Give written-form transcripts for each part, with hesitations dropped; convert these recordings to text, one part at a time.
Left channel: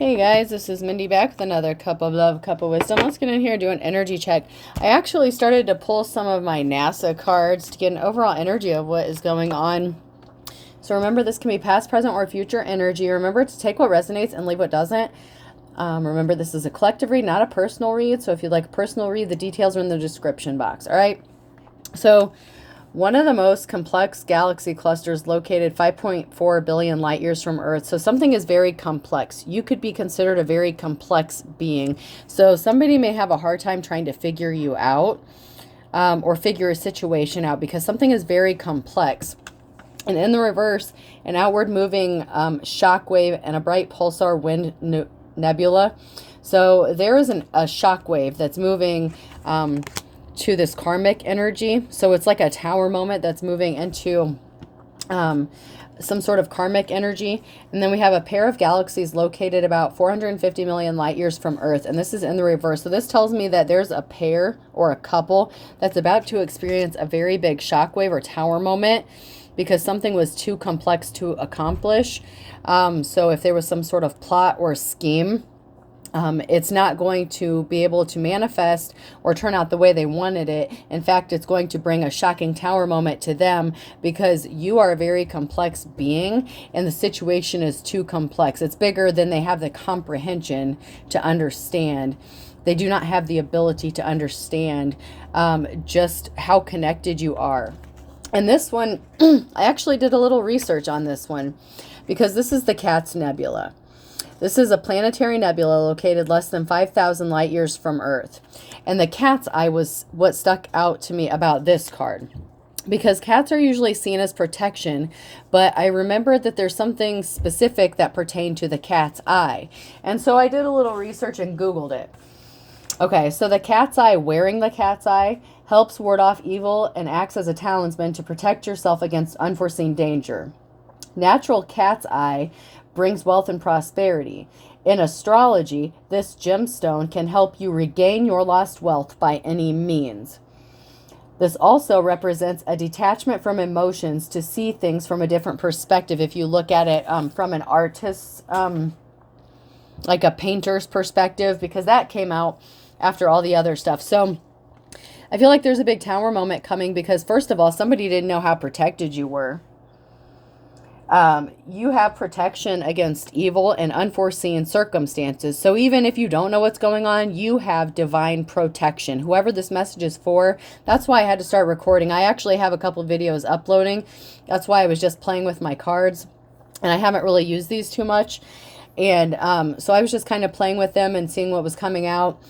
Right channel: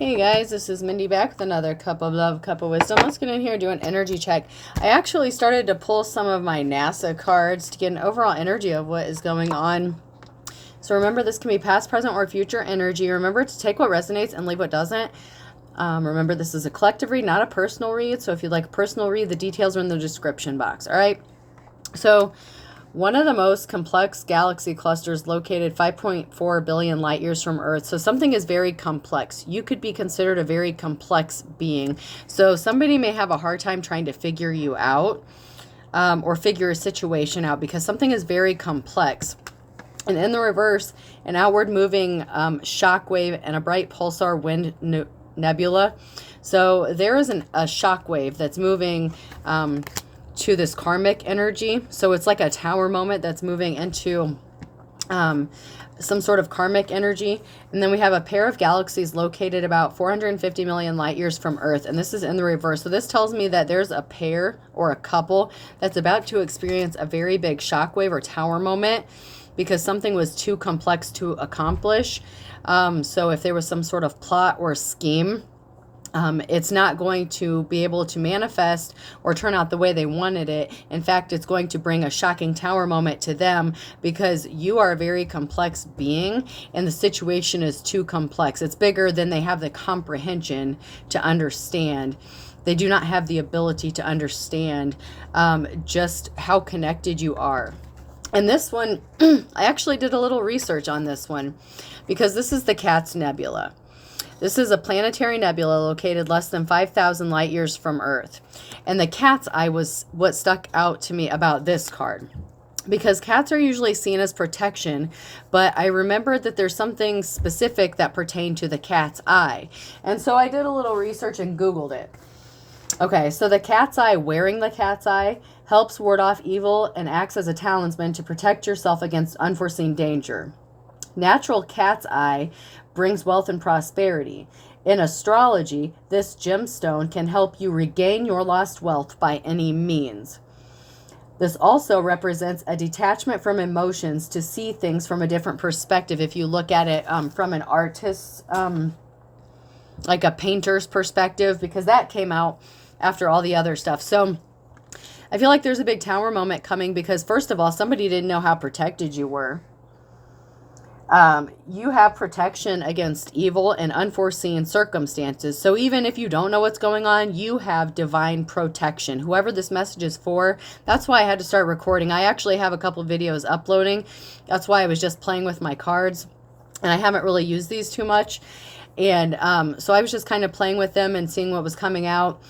Hey guys, this is Mindy back with another cup of love, cup of wisdom. Let's get in here and do an energy check. I actually started to pull some of my NASA cards to get an overall energy of what is going on. So remember, this can be past, present, or future energy. Remember to take what resonates and leave what doesn't. Remember, this is a collective read, not a personal read. So if you'd like a personal read, the details are in the description box. All right. So one of the most complex galaxy clusters located 5.4 billion light years from Earth. So something is very complex. You could be considered a very complex being. So somebody may have a hard time trying to figure you out or figure a situation out because something is very complex. And in the reverse, an outward moving shock wave and a bright pulsar wind nebula. So there is a shock wave that's moving to this karmic energy. So it's like a tower moment that's moving into some sort of karmic energy. And then we have a pair of galaxies located about 450 million light years from Earth. And this is in the reverse. So this tells me that there's a pair or a couple that's about to experience a very big shockwave or tower moment because something was too complex to accomplish. So if there was some sort of plot or scheme, it's not going to be able to manifest or turn out the way they wanted it. In fact, it's going to bring a shocking tower moment to them because you are a very complex being and the situation is too complex. It's bigger than they have the comprehension to understand. They do not have the ability to understand just how connected you are. And this one, I actually did a little research on this one because this is the Cat's Nebula. This is a planetary nebula located less than 5,000 light years from Earth. And the cat's eye was what stuck out to me about this card. Because cats are usually seen as protection, but I remembered that there's something specific that pertained to the cat's eye. And so I did a little research and Googled it. Okay, so the cat's eye, wearing the cat's eye, helps ward off evil and acts as a talisman to protect yourself against unforeseen danger. Natural cat's eye brings wealth and prosperity. In astrology, this gemstone can help you regain your lost wealth by any means. This also represents a detachment from emotions to see things from a different perspective. If you look at it from an artist's, like a painter's perspective, because that came out after all the other stuff. So I feel like there's a big tower moment coming because, first of all, somebody didn't know how protected you were. You have protection against evil and unforeseen circumstances. So even if you don't know what's going on, you have divine protection. Whoever this message is for, that's why I had to start recording. I actually have a couple videos uploading. That's why I was just playing with my cards. And I haven't really used these too much. And so I was just kind of playing with them and seeing what was coming out.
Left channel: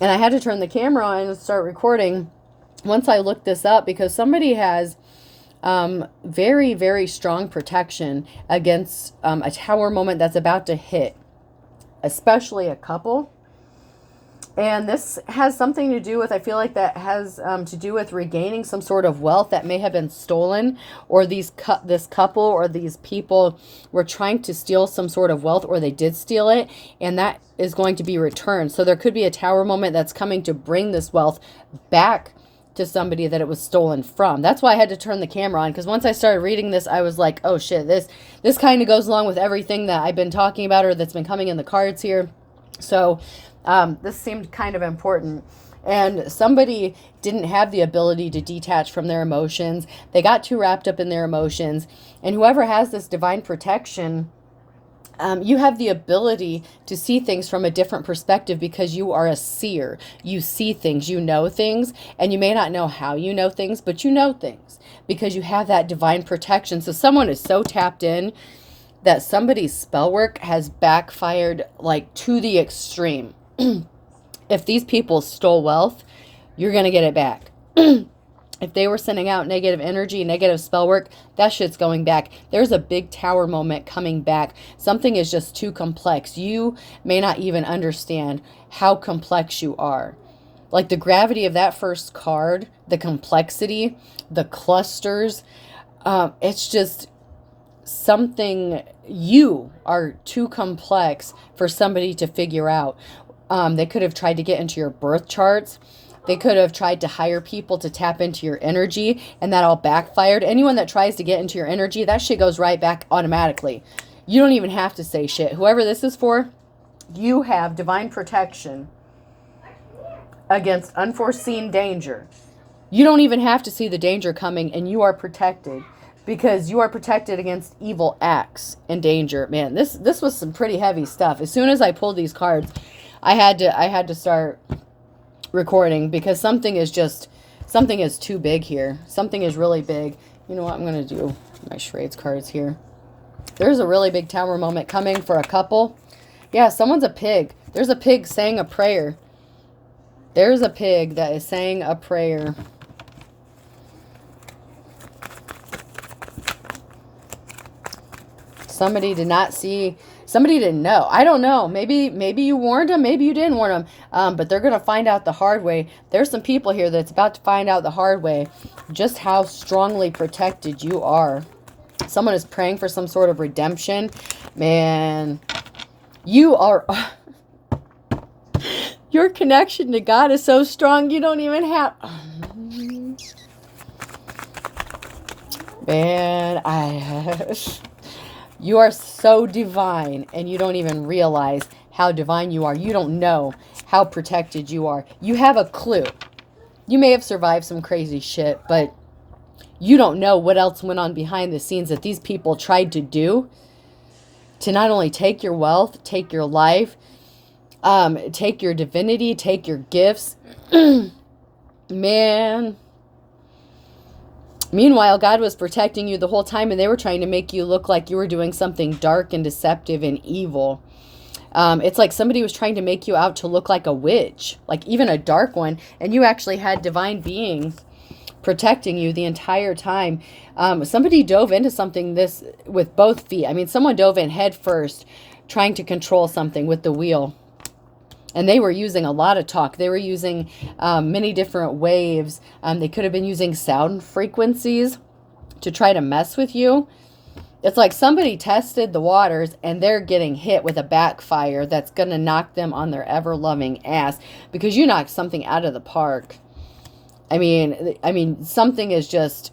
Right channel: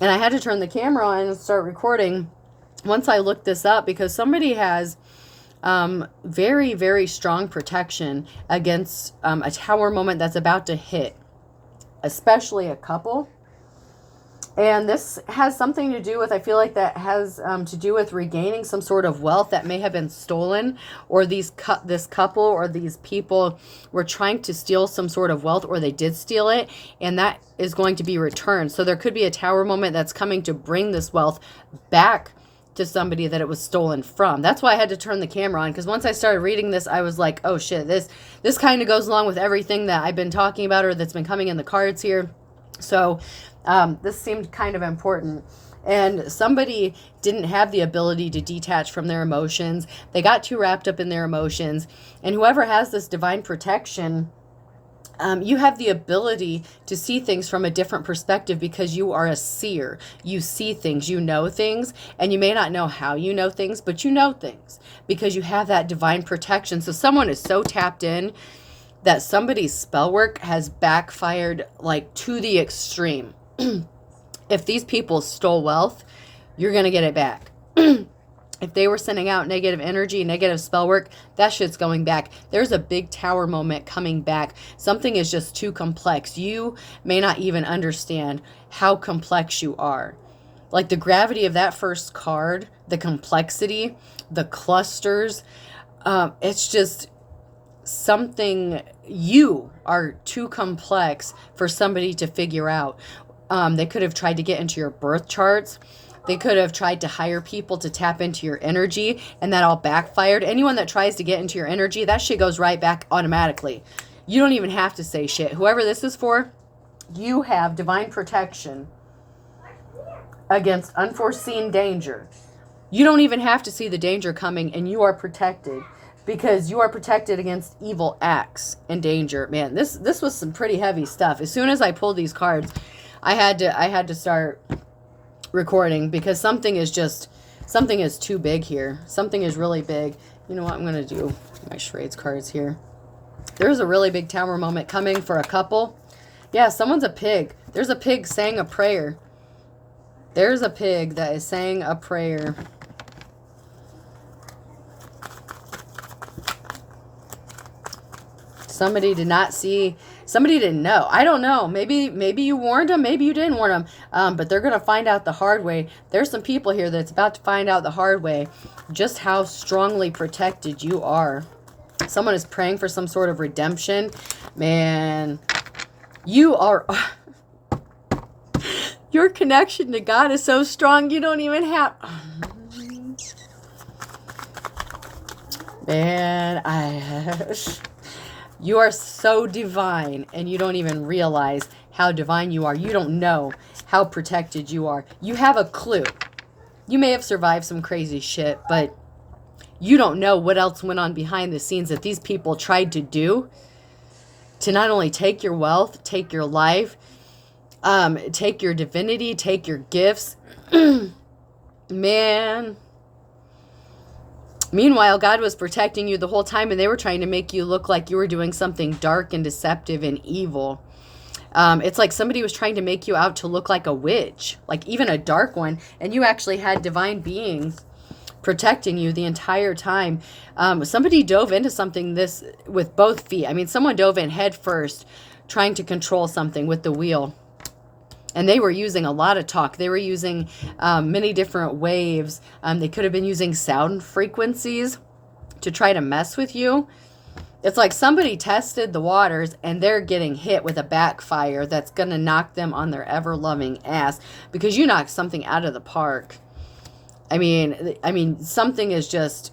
And I had to turn the camera on and start recording once I looked this up because somebody has very, very strong protection against a tower moment that's about to hit, especially a couple. And this has something to do with, I feel like that has to do with regaining some sort of wealth that may have been stolen, or this couple or these people were trying to steal some sort of wealth, or they did steal it, and that is going to be returned. So there could be a tower moment that's coming to bring this wealth back to somebody that it was stolen from. That's why I had to turn the camera on, because once I started reading this, I was like, oh shit, this kind of goes along with everything that I've been talking about or that's been coming in the cards here. So this seemed kind of important. And somebody didn't have the ability to detach from their emotions. They got too wrapped up in their emotions. And whoever has this divine protection, you have the ability to see things from a different perspective because you are a seer. You see things, you know things, and you may not know how you know things, but you know things because you have that divine protection. So someone is so tapped in that somebody's spell work has backfired like to the extreme. If these people stole wealth, you're going to get it back. If they were sending out negative energy, negative spell work, that shit's going back. There's a big tower moment coming back. Something is just too complex. You may not even understand how complex you are. Like the gravity of that first card, the complexity, the clusters, it's just something. You are too complex for somebody to figure out. They could have tried to get into your birth charts. They could have tried to hire people to tap into your energy, and that all backfired. Anyone that tries to get into your energy, that shit goes right back automatically. You don't even have to say shit. Whoever this is for, you have divine protection against unforeseen danger. You don't even have to see the danger coming, and you are protected because you are protected against evil acts and danger. Man, this was some pretty heavy stuff. As soon as I pulled these cards, I had to start recording because something is too big here. Something is really big. You know what? I'm going to do my charades cards here. There's a really big tower moment coming for a couple. Yeah, someone's a pig. There's a pig saying a prayer. There's a pig that is saying a prayer. Somebody did not see, somebody didn't know. I don't know. Maybe you warned them, maybe you didn't warn them. But they're going to find out the hard way. There's some people here that's about to find out the hard way just how strongly protected you are. Someone is praying for some sort of redemption. Man, you are... Your connection to God is so strong, you don't even have... Man, you are so divine, and you don't even realize how divine you are. You don't know how protected you are. You have a clue. You may have survived some crazy shit, but you don't know what else went on behind the scenes that these people tried to do to not only take your wealth, take your life, take your divinity, take your gifts. Man. Meanwhile, God was protecting you the whole time, and they were trying to make you look like you were doing something dark and deceptive and evil. It's like somebody was trying to make you out to look like a witch, like even a dark one, and you actually had divine beings protecting you the entire time. Somebody dove into something this with both feet. I mean, someone dove in head first, trying to control something with the wheel. And they were using a lot of talk. They were using many different waves. They could have been using sound frequencies to try to mess with you. It's like somebody tested the waters and they're getting hit with a backfire that's going to knock them on their ever-loving ass because you knocked something out of the park. I mean, something is just...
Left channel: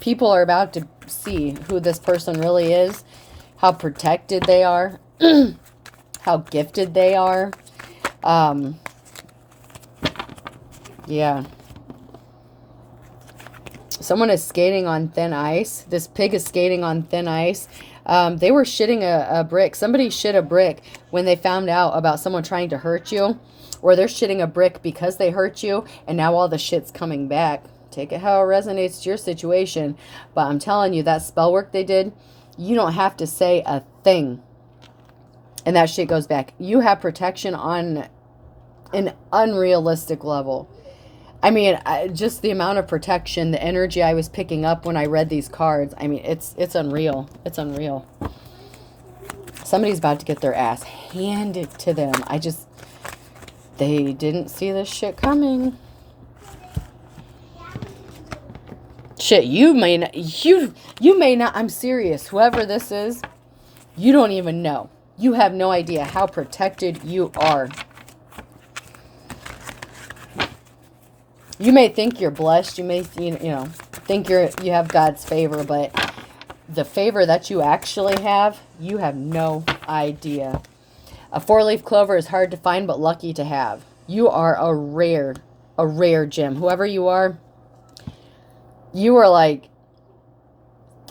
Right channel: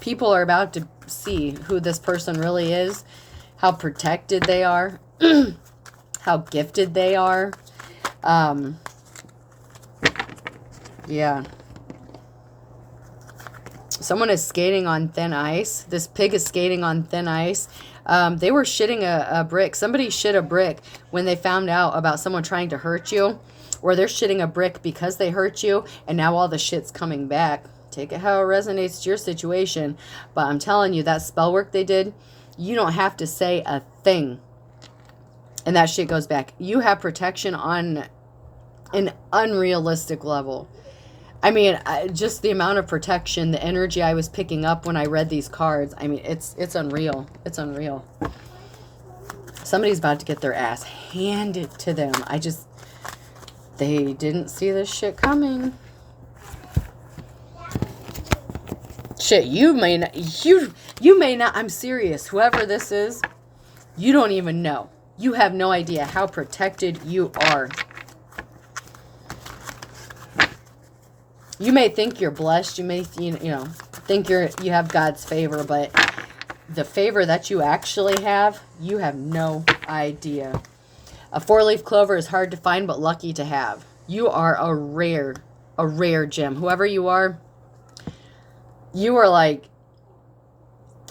People are about to see who this person really is, how protected they are, how gifted they are. Yeah. Someone is skating on thin ice. This pig is skating on thin ice. They were shitting a brick. Somebody shit a brick when they found out about someone trying to hurt you. Or they're shitting a brick because they hurt you. And now all the shit's coming back. Take it how it resonates to your situation. But I'm telling you, that spell work they did, you don't have to say a thing. And that shit goes back. You have protection on an unrealistic level. I mean, just the amount of protection, the energy I was picking up when I read these cards. I mean, it's unreal. It's unreal. Somebody's about to get their ass handed to them. They didn't see this shit coming. Shit, you may not, I'm serious. Whoever this is, you don't even know. You have no idea how protected you are. You may think you're blessed. You may, think you have God's favor, but the favor that you actually have, you have no idea. A 4-leaf clover is hard to find, but lucky to have. You are a rare gem. Whoever you are like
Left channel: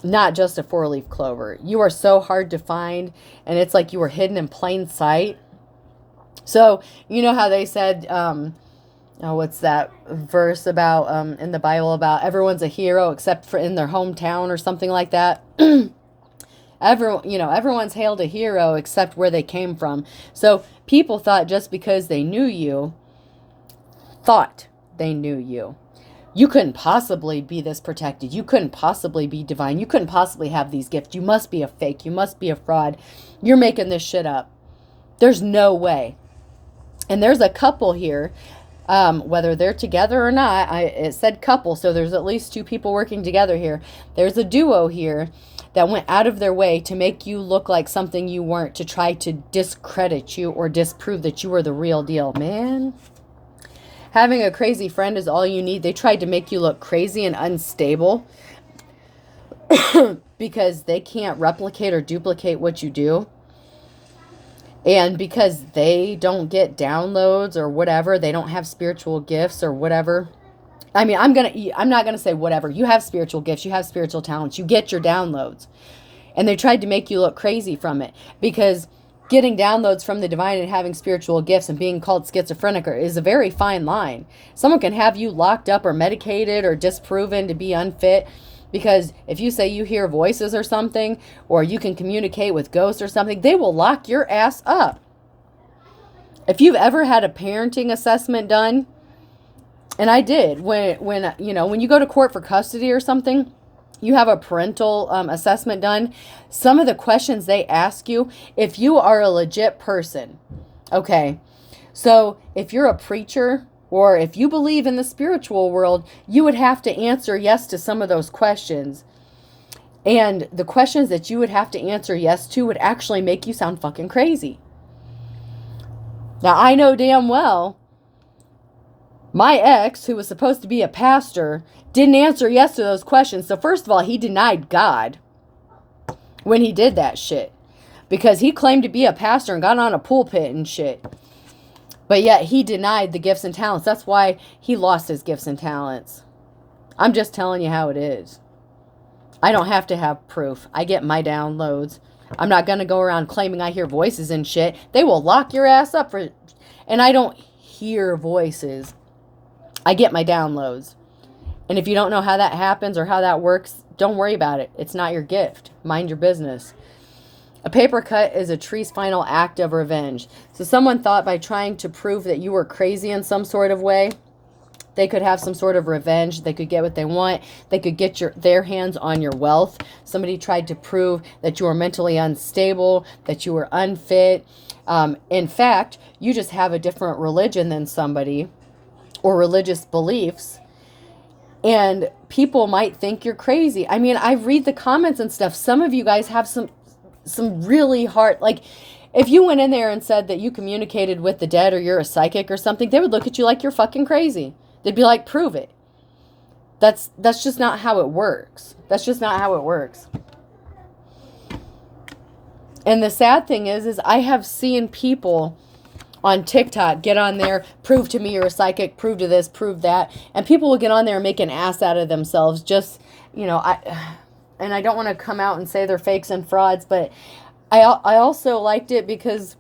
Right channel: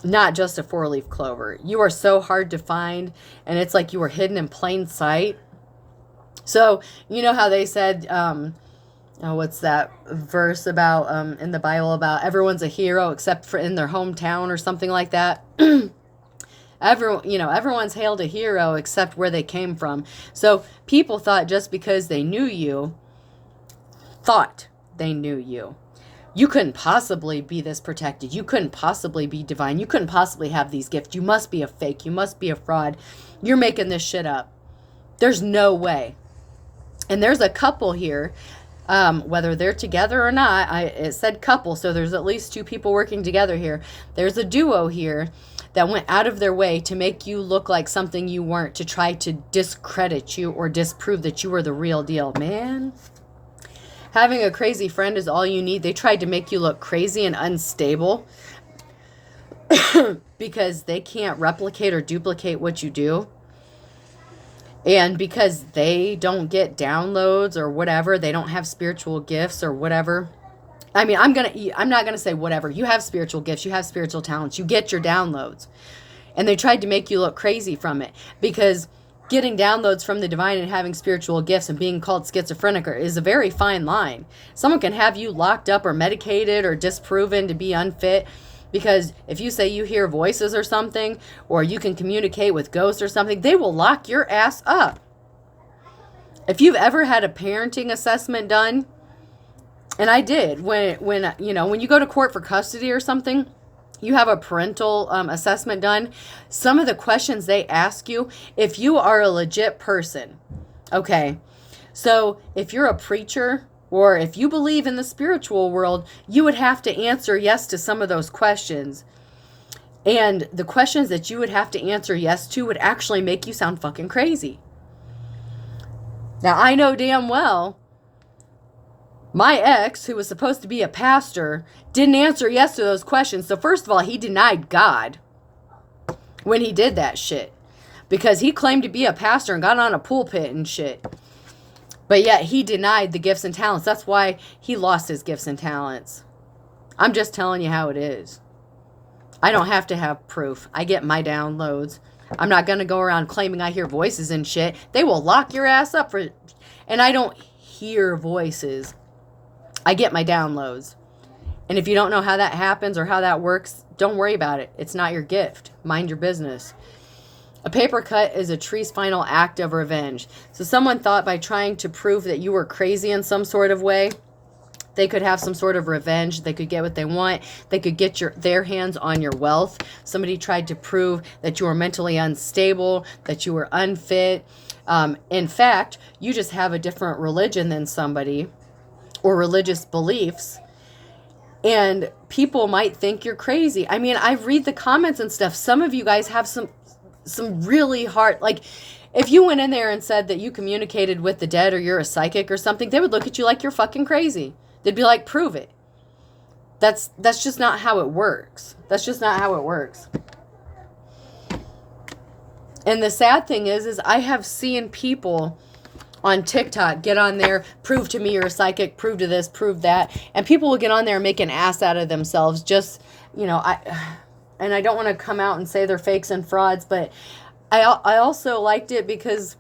not just a 4-leaf clover. You are so hard to find, and it's like you were hidden in plain sight. So, you know how they said, what's that verse about in the Bible about everyone's a hero except for in their hometown or something like that? Everyone's hailed a hero except where they came from. So people thought just because they knew you, you couldn't possibly be this protected. You couldn't possibly be divine. You couldn't possibly have these gifts. You must be a fake. You must be a fraud. You're making this shit up. There's no way. And there's a couple here, whether they're together or not. It said couple, so there's at least 2 people working together here. There's a duo here that went out of their way to make you look like something you weren't, to try to discredit you or disprove that you were the real deal. Man, having a crazy friend is all you need. They tried to make you look crazy and unstable because they can't replicate or duplicate what you do. And because they don't get downloads or whatever, they don't have spiritual gifts or whatever. I mean, I'm not going to say whatever. You have spiritual gifts. You have spiritual talents. You get your downloads. And they tried to make you look crazy from it, because getting downloads from the divine and having spiritual gifts and being called schizophrenic is a very fine line. Someone can have you locked up or medicated or disproven to be unfit, because if you say you hear voices or something, or you can communicate with ghosts or something, they will lock your ass up. If you've ever had a parenting assessment done, and I did, when you go to court for custody or something, you have a parental assessment done. Some of the questions they ask you, if you are a legit person, okay, so if you're a preacher or if you believe in the spiritual world, you would have to answer yes to some of those questions. And the questions that you would have to answer yes to would actually make you sound fucking crazy. Now, I know damn well my ex, who was supposed to be a pastor, didn't answer yes to those questions. So first of all, he denied God when he did that shit, because he claimed to be a pastor and got on a pulpit and shit. But yet he denied the gifts and talents. That's why he lost his gifts and talents. I'm just telling you how it is. I don't have to have proof. I get my downloads. I'm not going to go around claiming I hear voices and shit. They will lock your ass up for... And I don't hear voices. I get my downloads. And if you don't know how that happens or how that works, don't worry about it. It's not your gift. Mind your business. A paper cut is a tree's final act of revenge. So someone thought by trying to prove that you were crazy in some sort of way, they could have some sort of revenge. They could get what they want. They could get their hands on your wealth. Somebody tried to prove that you were mentally unstable, that you were unfit. In fact, you just have a different religion than somebody, or religious beliefs, and people might think you're crazy. I mean, I read the comments and stuff. Some of you guys have some really hard, like, if you went in there and said that you communicated with the dead or you're a psychic or something, they would look at you like you're fucking crazy. They'd be like, prove it. That's just not how it works. That's just not how it works. And the sad thing is I have seen people on TikTok get on there, prove to me you're a psychic, prove to this, prove that. And people will get on there and make an ass out of themselves. Just, and I don't want to come out and say they're fakes and frauds, but I also liked it because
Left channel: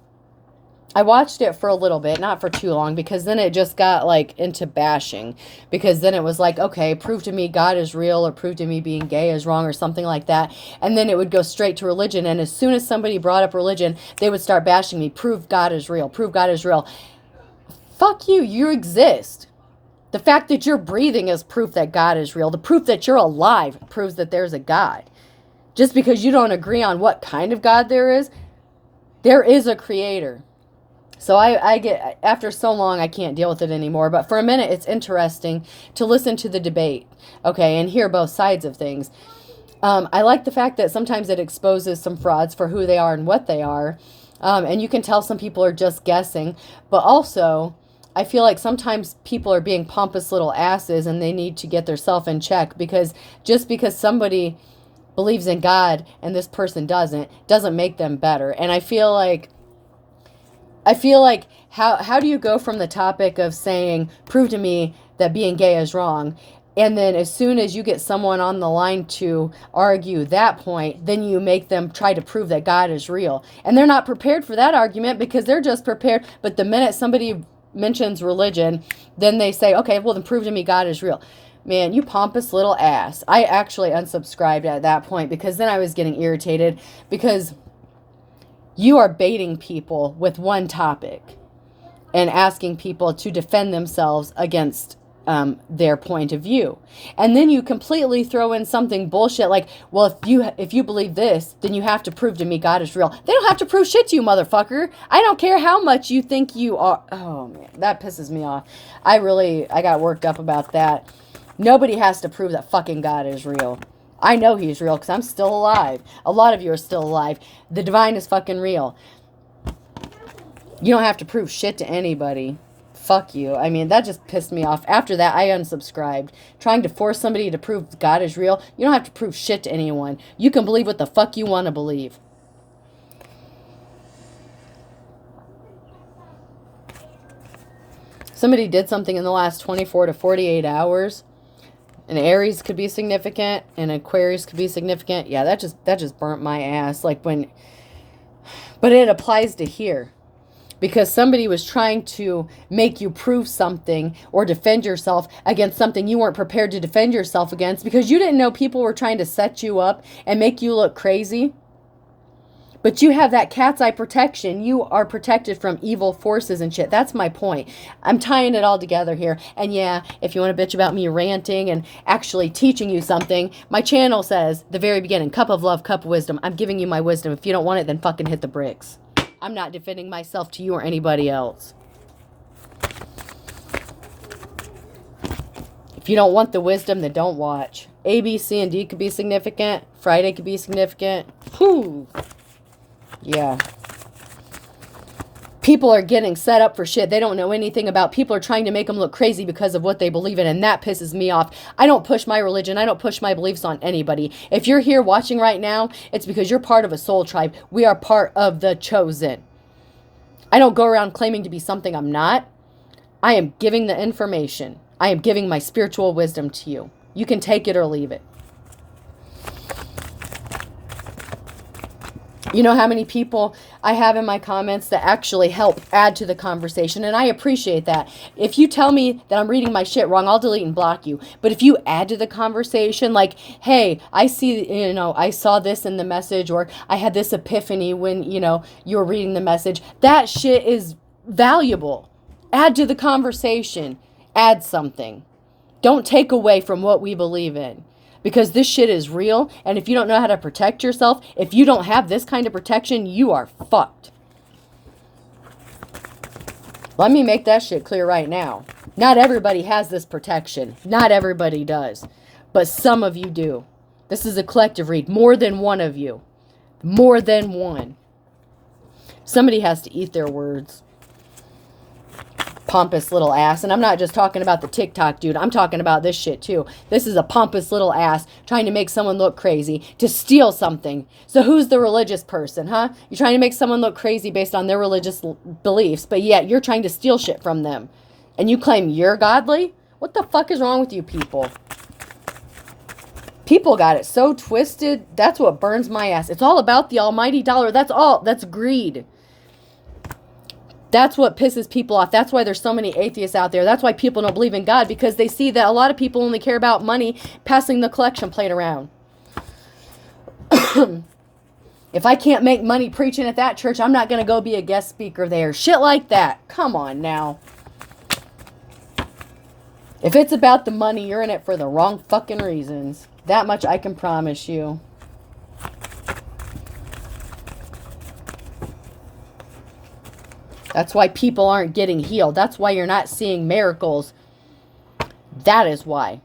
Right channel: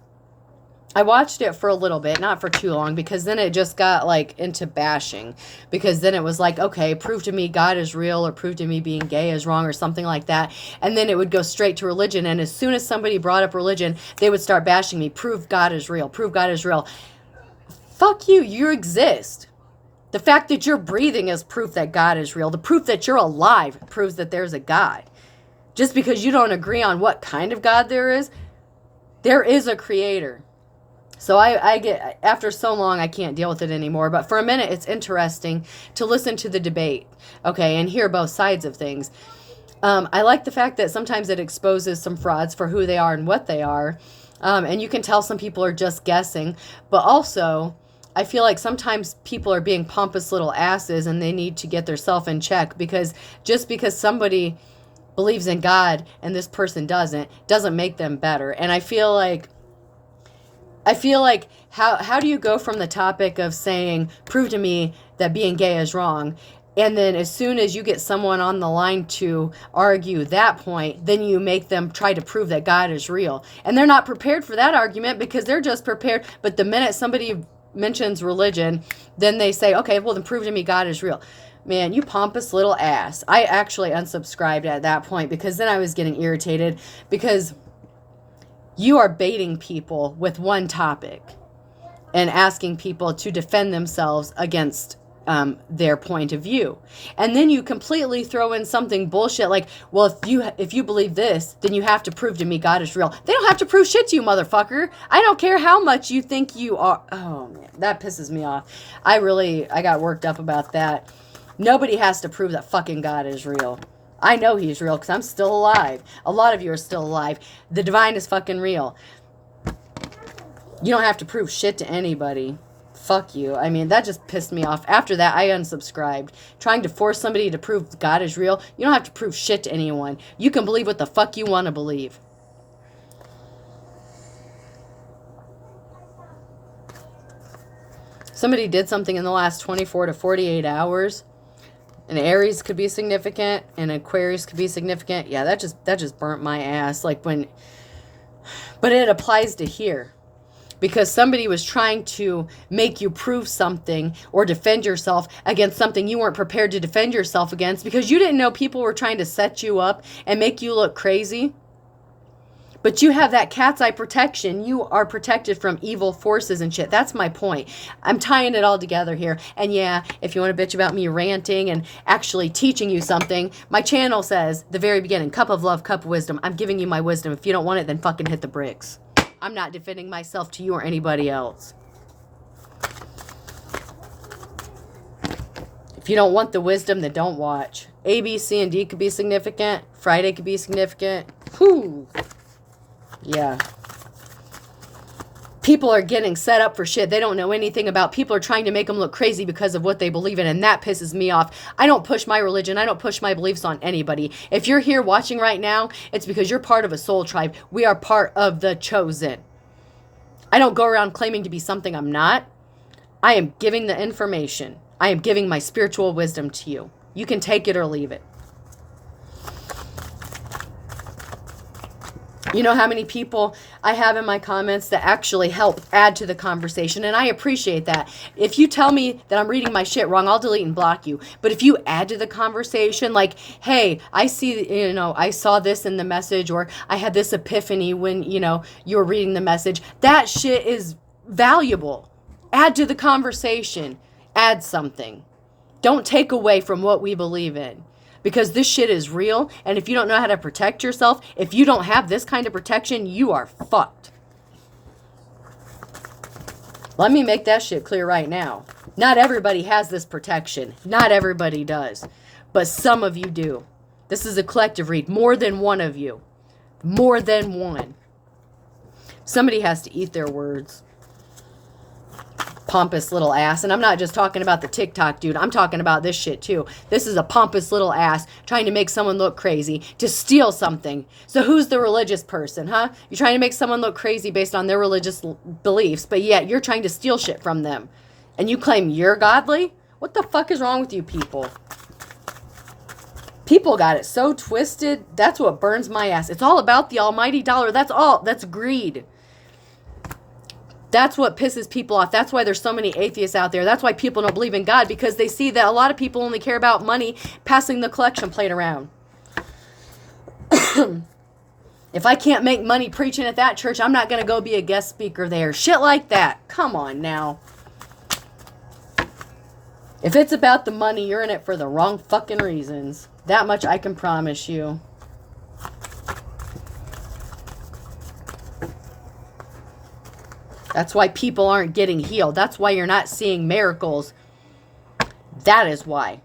I watched it for a little bit, not for too long, because then it just got like into bashing, because then it was like, okay, prove to me God is real, or prove to me being gay is wrong, or something like that. And then it would go straight to religion. And as soon as somebody brought up religion, they would start bashing me. Prove God is real. Prove God is real. Fuck you. You exist. The fact that you're breathing is proof that God is real. The proof that you're alive proves that there's a God. Just because you don't agree on what kind of God there is a creator. So I get, after so long, I can't deal with it anymore. But for a minute, it's interesting to listen to the debate, okay, and hear both sides of things. I like the fact that sometimes it exposes some frauds for who they are and what they are. And you can tell some people are just guessing. But also, I feel like sometimes people are being pompous little asses and they need to get themselves in check. Because just because somebody believes in God and this person doesn't make them better. And I feel like how do you go from the topic of saying, prove to me that being gay is wrong, and then as soon as you get someone on the line to argue that point, then you make them try to prove that God is real. And they're not prepared for that argument because they're just prepared. But the minute somebody mentions religion, then they say, okay, well then prove to me God is real. Man, you pompous little ass. I actually unsubscribed at that point because then I was getting irritated because you are baiting people with one topic and asking people to defend themselves against their point of view. And then you completely throw in something bullshit like, well, if you believe this, then you have to prove to me God is real. They don't have to prove shit to you, motherfucker. I don't care how much you think you are. Oh, man, that pisses me off. I got worked up about that. Nobody has to prove that fucking God is real. I know he's real because I'm still alive. A lot of you are still alive. The divine is fucking real. You don't have to prove shit to anybody. fuck you. I mean, that just pissed me off. After that, I unsubscribed. Trying to force somebody to prove God is real. You don't have to prove shit to anyone. You can believe what the fuck you want to believe. Somebody did something in the last 24 to 48 hours. An Aries could be significant. An Aquarius could be significant. Yeah, that just burnt my ass. Like when... But it applies to here. Because somebody was trying to make you prove something or defend yourself against something you weren't prepared to defend yourself against because you didn't know people were trying to set you up and make you look crazy. But you have that cat's eye protection. You are protected from evil forces and shit. That's my point. I'm tying it all together here. And yeah, if you want to bitch about me ranting and actually teaching you something, my channel says, the very beginning, cup of love, cup of wisdom. I'm giving you my wisdom. If you don't want it, then fucking hit the bricks. I'm not defending myself to you or anybody else. If you don't want the wisdom, then don't watch. A, B, C, and D could be significant. Friday could be significant. Whew. Yeah. People are getting set up for shit they don't know anything about. People are trying to make them look crazy because of what they believe in, and that pisses me off. I don't push my religion. I don't push my beliefs on anybody. If you're here watching right now, it's because you're part of a soul tribe. We are part of the chosen. I don't go around claiming to be something I'm not. I am giving the information. I am giving my spiritual wisdom to you. You can take it or leave it. You know how many people I have in my comments that actually help add to the conversation, and I appreciate that. If you tell me that I'm reading my shit wrong, I'll delete and block you. But if you add to the conversation, like, hey, I see, I saw this in the message, or I had this epiphany when, you were reading the message, that shit is valuable. Add to the conversation. Add something. Don't take away from what we believe in. Because this shit is real, and if you don't know how to protect yourself, if you don't have this kind of protection, you are fucked. Let me make that shit clear right now. Not everybody has this protection. Not everybody does. But some of you do. This is a collective read. More than one of you. More than one. Somebody has to eat their words. Pompous little ass. And I'm not just talking about the TikTok dude. I'm talking about this shit too. This is a pompous little ass trying to make someone look crazy to steal something. So who's the religious person, huh? You're trying to make someone look crazy based on their religious beliefs, but yet you're trying to steal shit from them. And you claim you're godly? What the fuck is wrong with you people? People got it so twisted. That's what burns my ass. It's all about the almighty dollar. That's all. That's greed. That's what pisses people off. That's why there's so many atheists out there. That's why people don't believe in God, because they see that a lot of people only care about money, passing the collection plate around. If I can't make money preaching at that church, I'm not going to go be a guest speaker there. Shit like that. Come on now. If it's about the money, you're in it for the wrong fucking reasons. That much I can promise you. That's why people aren't getting healed. That's why you're not seeing miracles. That is why.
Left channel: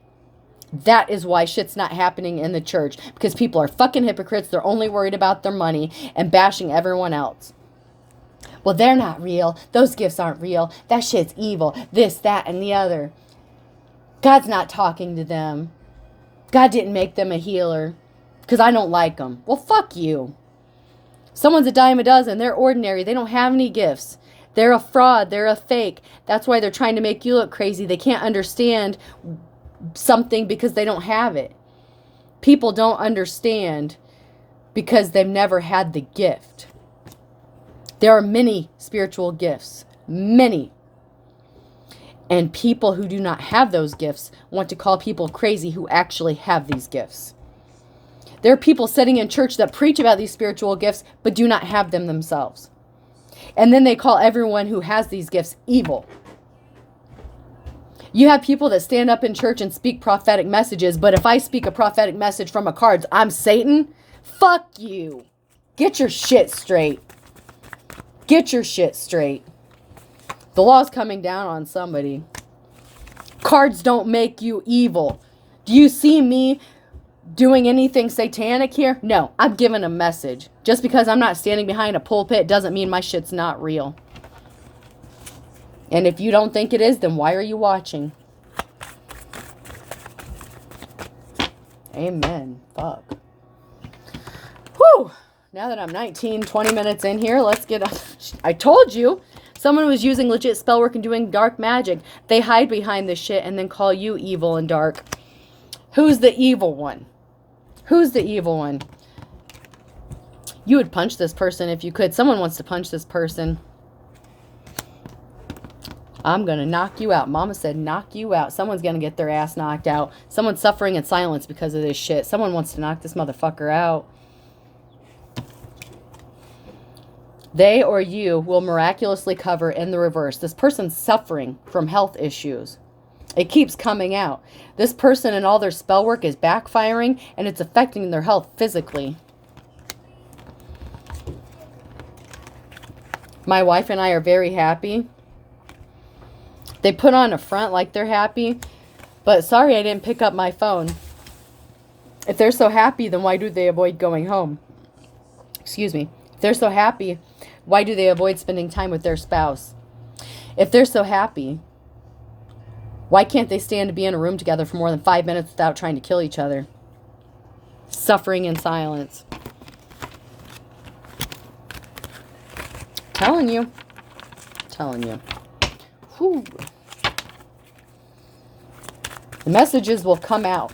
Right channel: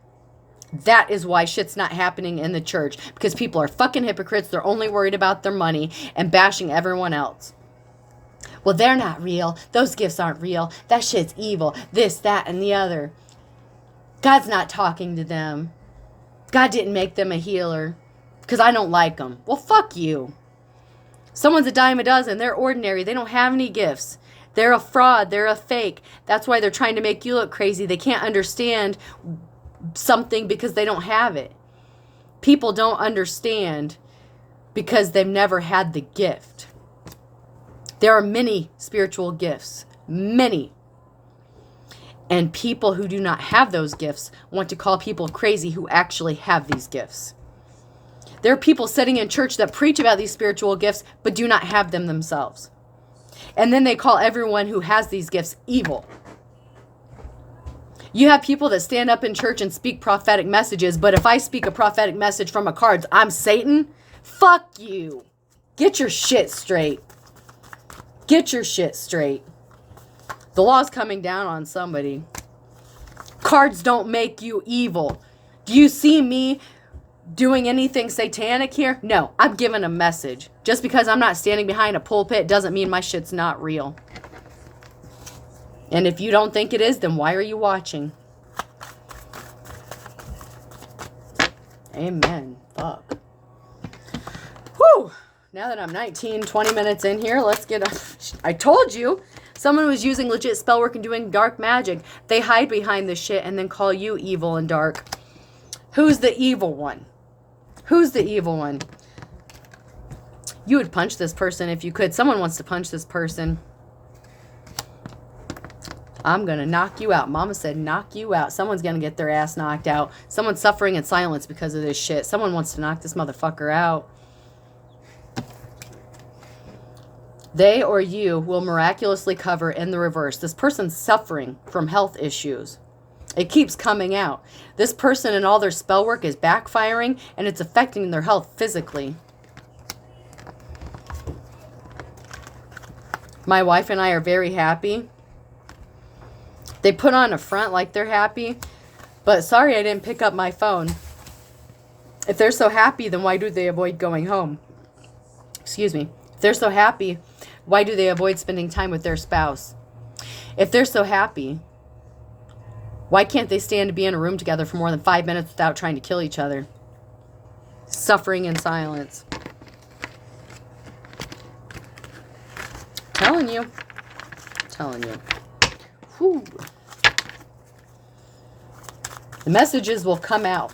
That is why shit's not happening in the church. Because people are fucking hypocrites. They're only worried about their money and bashing everyone else. Well, they're not real. Those gifts aren't real. That shit's evil. This, that, and the other. God's not talking to them. God didn't make them a healer. Because I don't like them. Well, fuck you. Someone's a dime a dozen. They're ordinary. They don't have any gifts. They're a fraud. They're a fake. That's why they're trying to make you look crazy. They can't understand something because they don't have it. People don't understand because they've never had the gift. There are many spiritual gifts. Many. And people who do not have those gifts want to call people crazy who actually have these gifts. There are people sitting in church that preach about these spiritual gifts but do not have them themselves. And then they call everyone who has these gifts evil. You have people that stand up in church and speak prophetic messages, but if I speak a prophetic message from a card, I'm Satan? Fuck you. Get your shit straight. Get your shit straight. The law's coming down on somebody. Cards don't make you evil. Do you see me doing anything satanic here? No, I'm giving a message. Just because I'm not standing behind a pulpit doesn't mean my shit's not real. And if you don't think it is, then why are you watching? Amen. Fuck. Whew. Now that I'm 19, 20 minutes in here, let's get I told you. Someone was using legit spell work and doing dark magic. They hide behind this shit and then call you evil and dark. Who's the evil one? Who's the evil one? You would punch this person if you could. Someone wants to punch this person. I'm going to knock you out. Mama said knock you out. Someone's going to get their ass knocked out. Someone's suffering in silence because of this shit. Someone wants to knock this motherfucker out. They or you will miraculously cover in the reverse. This person's suffering from health issues. It keeps coming out. This person and all their spell work is backfiring and it's affecting their health physically. My wife and I are very happy. They put on a front like they're happy, but sorry I didn't pick up my phone. If they're so happy, then why do they avoid going home? Excuse me. If they're so happy, why do they avoid spending time with their spouse? If they're so happy, why can't they stand to be in a room together for more than 5 minutes without trying to kill each other? Suffering in silence. Telling you. Whew. The messages will come out.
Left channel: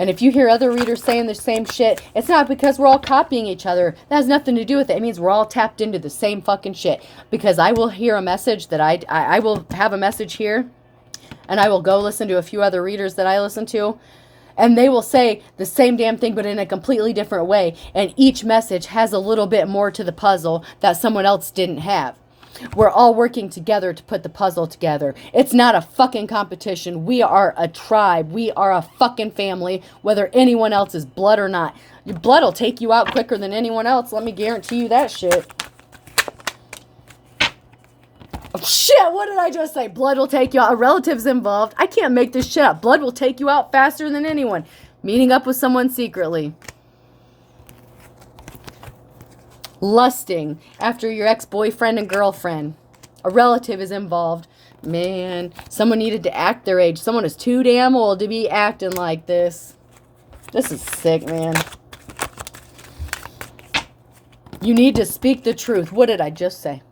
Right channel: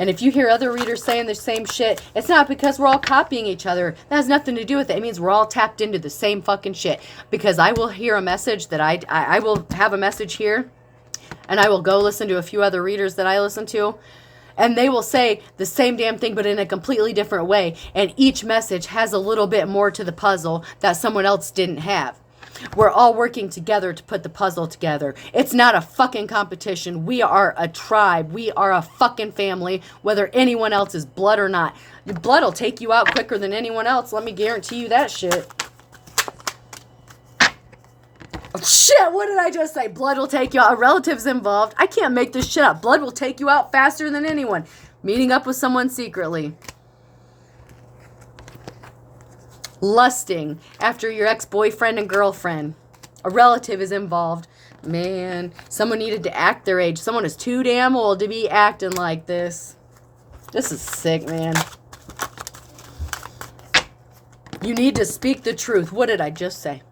And if you hear other readers saying the same shit, it's not because we're all copying each other. That has nothing to do with it. It means we're all tapped into the same fucking shit. Because I will hear a message that I will have a message here. And I will go listen to a few other readers that I listen to. And they will say the same damn thing, but in a completely different way. And each message has a little bit more to the puzzle that someone else didn't have. We're all working together to put the puzzle together. It's not a fucking competition. We are a tribe. We are a fucking family, whether anyone else is blood or not. Your blood will take you out quicker than anyone else. Let me guarantee you that shit. Oh, shit, what did I just say? Blood will take you out. A relative's involved. I can't make this shit up. Blood will take you out faster than anyone. Meeting up with someone secretly. Lusting after your ex-boyfriend and girlfriend. A relative is involved. Man, someone needed to act their age. Someone is too damn old to be acting like this. This is sick, man. You need to speak the truth. What did I just say?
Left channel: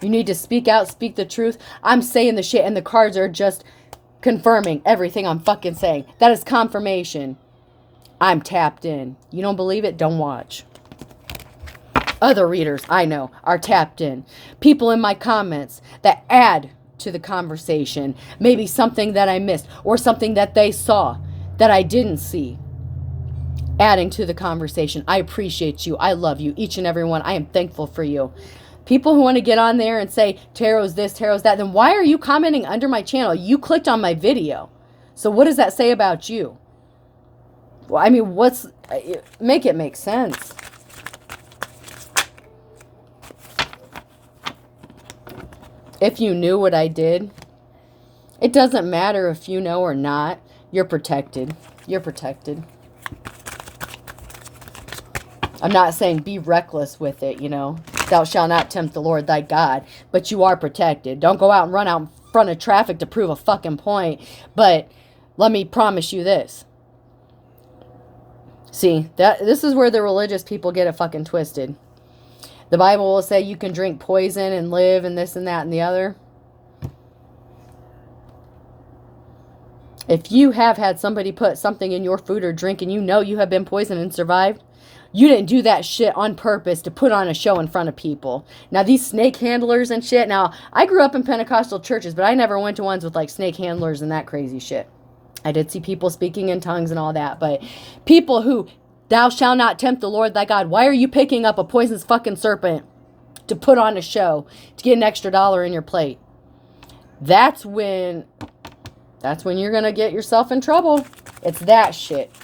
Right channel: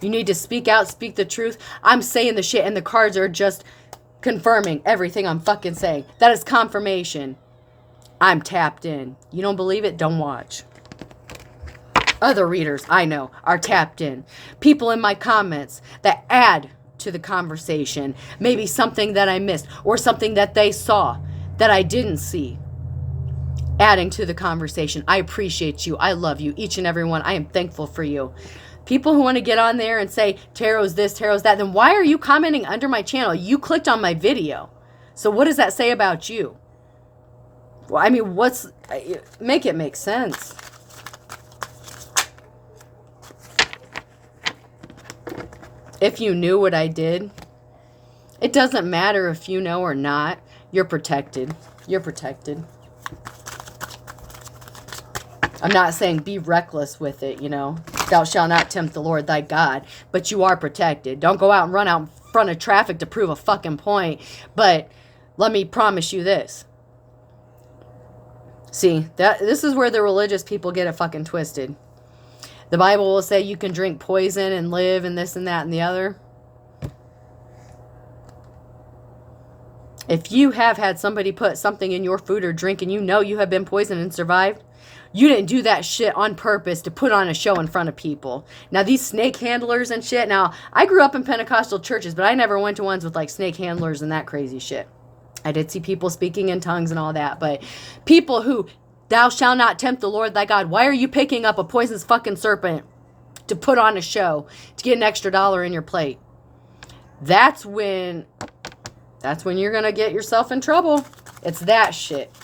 You need to speak out, speak the truth. I'm saying the shit and the cards are just confirming everything I'm fucking saying. That is confirmation. I'm tapped in. You don't believe it? Don't watch. Other readers, I know, are tapped in. People in my comments that add to the conversation. Maybe something that I missed or something that they saw that I didn't see. Adding to the conversation. I appreciate you. I love you. Each and every one. I am thankful for you. People who want to get on there and say, tarot's this, tarot's that, then why are you commenting under my channel? You clicked on my video. So what does that say about you? Well, I mean, make it make sense. If you knew what I did, it doesn't matter if you know or not. You're protected. You're protected. I'm not saying be reckless with it, you know. Thou shalt not tempt the Lord thy God. But you are protected. Don't go out and run out in front of traffic to prove a fucking point. But let me promise you this. See, this is where the religious people get it fucking twisted. The Bible will say you can drink poison and live and this and that and the other. If you have had somebody put something in your food or drink and you know you have been poisoned and survived, you didn't do that shit on purpose to put on a show in front of people. Now, these snake handlers and shit. Now, I grew up in Pentecostal churches, but I never went to ones with like snake handlers and that crazy shit. I did see people speaking in tongues and all that. But people who... Thou shalt not tempt the Lord thy God. Why are you picking up a poisonous fucking serpent to put on a show to get an extra $1 in your plate? That's when you're going to get yourself in trouble. It's that shit.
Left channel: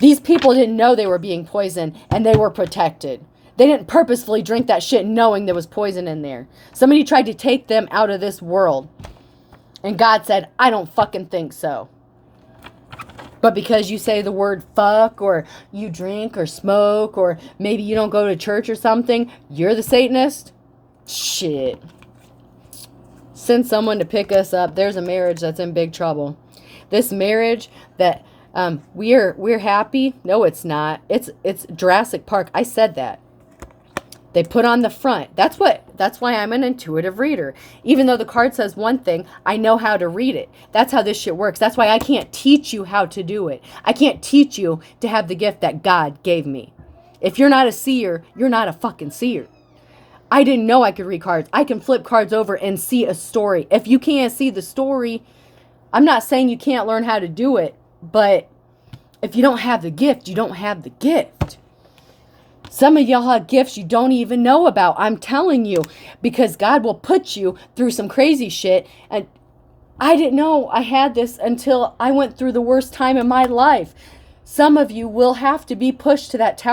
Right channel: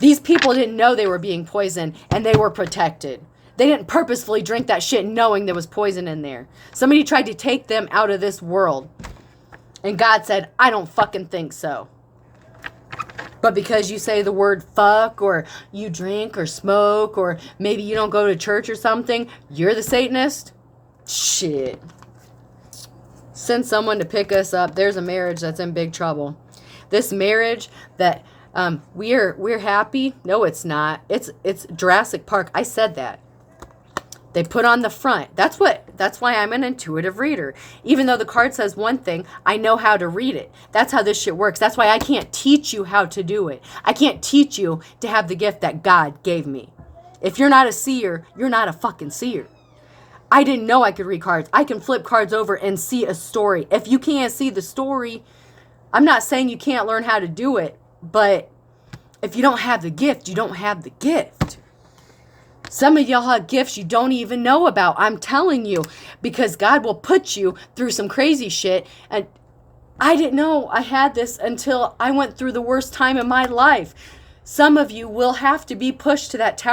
These people didn't know they were being poisoned and they were protected. They didn't purposefully drink that shit knowing there was poison in there. Somebody tried to take them out of this world. And God said, I don't fucking think so. But because you say the word fuck or you drink or smoke or maybe you don't go to church or something, you're the Satanist? Shit. Send someone to pick us up. There's a marriage that's in big trouble. This marriage that we're happy. No, it's not. It's Jurassic Park. I said that. They put on the front. That's why I'm an intuitive reader. Even though the card says one thing, I know how to read it. That's how this shit works. That's why I can't teach you how to do it. I can't teach you to have the gift that God gave me. If you're not a seer, you're not a fucking seer. I didn't know I could read cards. I can flip cards over and see a story. If you can't see the story, I'm not saying you can't learn how to do it, but if you don't have the gift, you don't have the gift. Some of y'all have gifts you don't even know about. I'm telling you, because God will put you through some crazy shit. And I didn't know I had this until I went through the worst time in my life. Some of you will have to be pushed to that tower